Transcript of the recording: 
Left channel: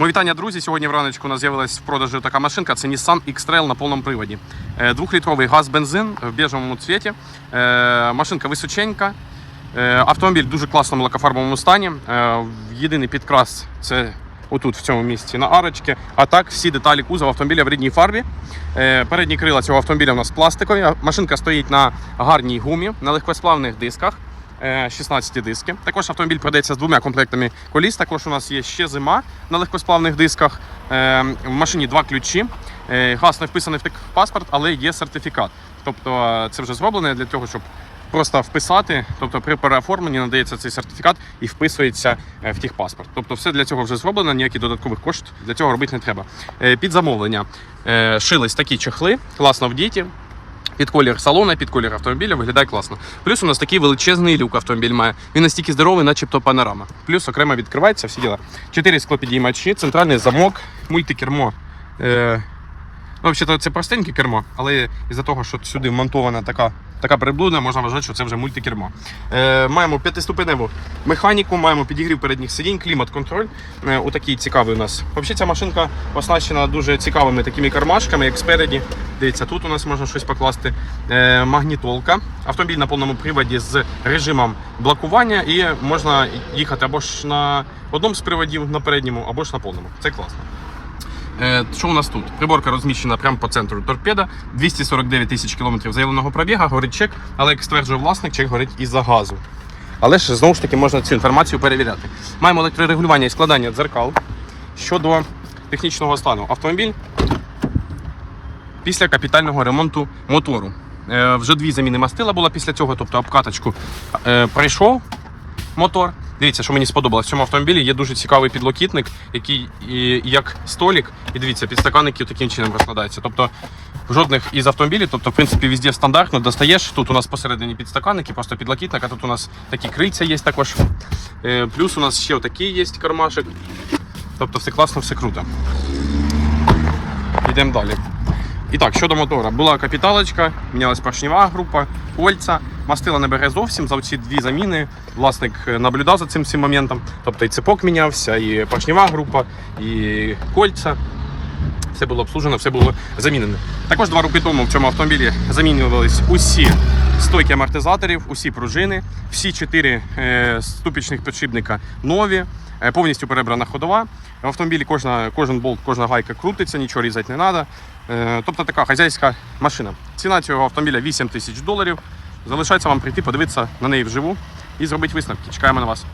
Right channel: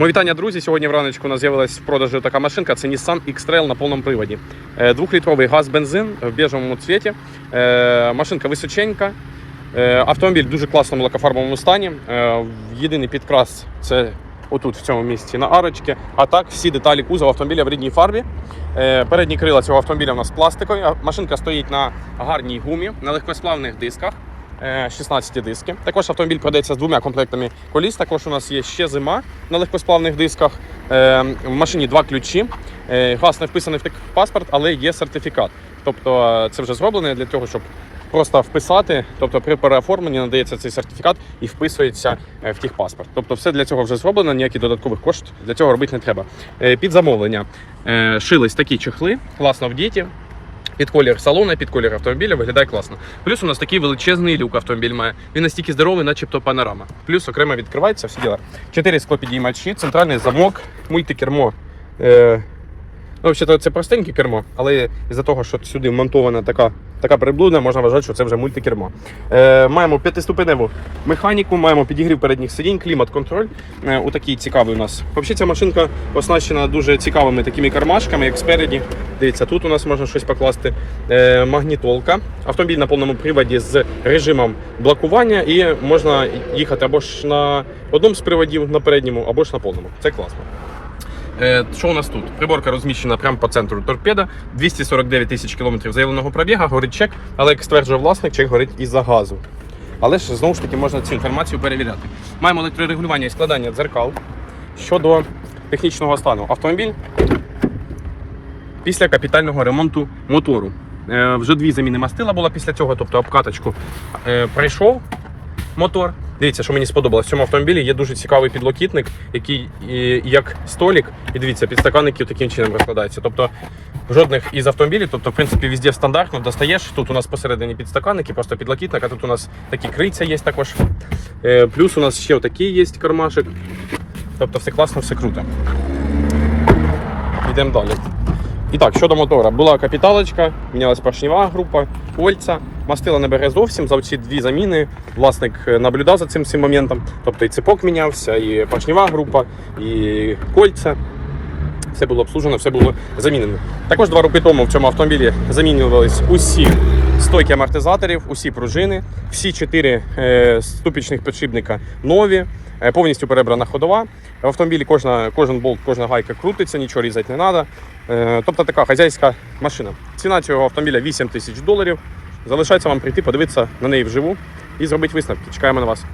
Мої вітання, друзі. Сьогодні враночку у нас з'явилась в продажу така машинка. Це Nissan X-Trail на повному приводі. Е, Двохлітровий газ-бензин в біжевому цвіті. Е, Машинка височенька. Е, Автомобіль в дуже класному лакофарбовому стані. Єдиний підкрас це отут, в цьому місці, на арочці. А так, всі деталі кузова автомобіля в рідній фарбі. Передні крила цього автомобіля у нас пластикові. Машинка стоїть на гарній гумі, на легкосплавних дисках. Е, 16 диски. Також автомобіль продається з двома комплектами коліс. Також у нас є ще зима на легкосплавних дисках. Е, В машині два ключі. Е, Газ не вписаний в паспорт, але є сертифікат. Тобто е, це вже зроблено для того, щоб просто вписати. Тобто при переоформленні надається цей сертифікат і вписується е, в техпаспорт. Тобто все для цього вже зроблено, ніяких додаткових коштів для цього робити не треба. Е, Під замовлення е, шились такі чехли, класно в діті. Під колір салона, під колір автомобіля виглядає класно. Плюс у нас такий величезний люк автомобіль має. Він настільки здоровий, начебто панорама. Плюс окремо відкривається всі діла. Чотири склопідіймачі, центральний замок, мультикермо. Е, ну, взагалі, це простеньке кермо, але із-за того, що сюди монтована така, така приблуда, можна вважати, що це вже мультикермо. Е, маємо п'ятиступеневу механіку, маємо підігрів передніх сидінь, клімат-контроль. Е, у такий цікавий у нас. Взагалі ця машинка оснащена дуже цікавими такими кармашками, як спереді. Дивіться, тут у нас можна щось покласти. Е, магнітолка. Автомобіль на повному приводі з режимом блокування і можна їхати або ж на одному з приводів на передньому, або ж на повному. Це класно. Е, Що у нас тут? Приборка розміщена прямо по центру торпеда. 249 тисяч кілометрів заявленого пробіга, горить чек, але як стверджує власник, чек горить із-за газу. Але ж знову ж таки можна цю інформацію перевіряти. Маємо електрорегулювання і складання дзеркал. Щодо технічного стану, автомобіль після капітального ремонту мотору. Е, Вже дві заміни мастила було після цього, тобто обкаточку е, пройшов мотор. Дивіться, що мені сподобалось. В цьому автомобілі є дуже цікавий підлокітник, який і, як столик. І дивіться, підстаканники таким чином розкладаються. Тобто жодних із автомобілів, тобто, в принципі, везде стандартно достаєш. Тут у нас посередині підстаканники, просто підлокітник, а тут у нас такі крильця є також. Е, Плюс у нас ще отакий є кармашик. Тобто все класно, все круто. Йдемо далі. І так, щодо мотора, була капіталочка, мінялась поршнева група, кольця, мастила не бере зовсім за ці дві заміни. Власник е, наблюдав за цим всім моментом. Тобто і цепок мінявся, і поршнева група, і кольця. Все було обслужено, все було замінено. Також два роки тому в цьому автомобілі замінювались усі стойки амортизаторів, усі пружини, всі чотири е, ступічних підшипника нові, е, повністю перебрана ходова. В автомобілі кожна, кожен болт, кожна гайка крутиться, нічого різати не треба. Тобто така хазяйська машина. Ціна цього автомобіля 8 тисяч доларів. Залишається вам прийти, подивитися на неї вживу і зробити висновки. Чекаємо на вас.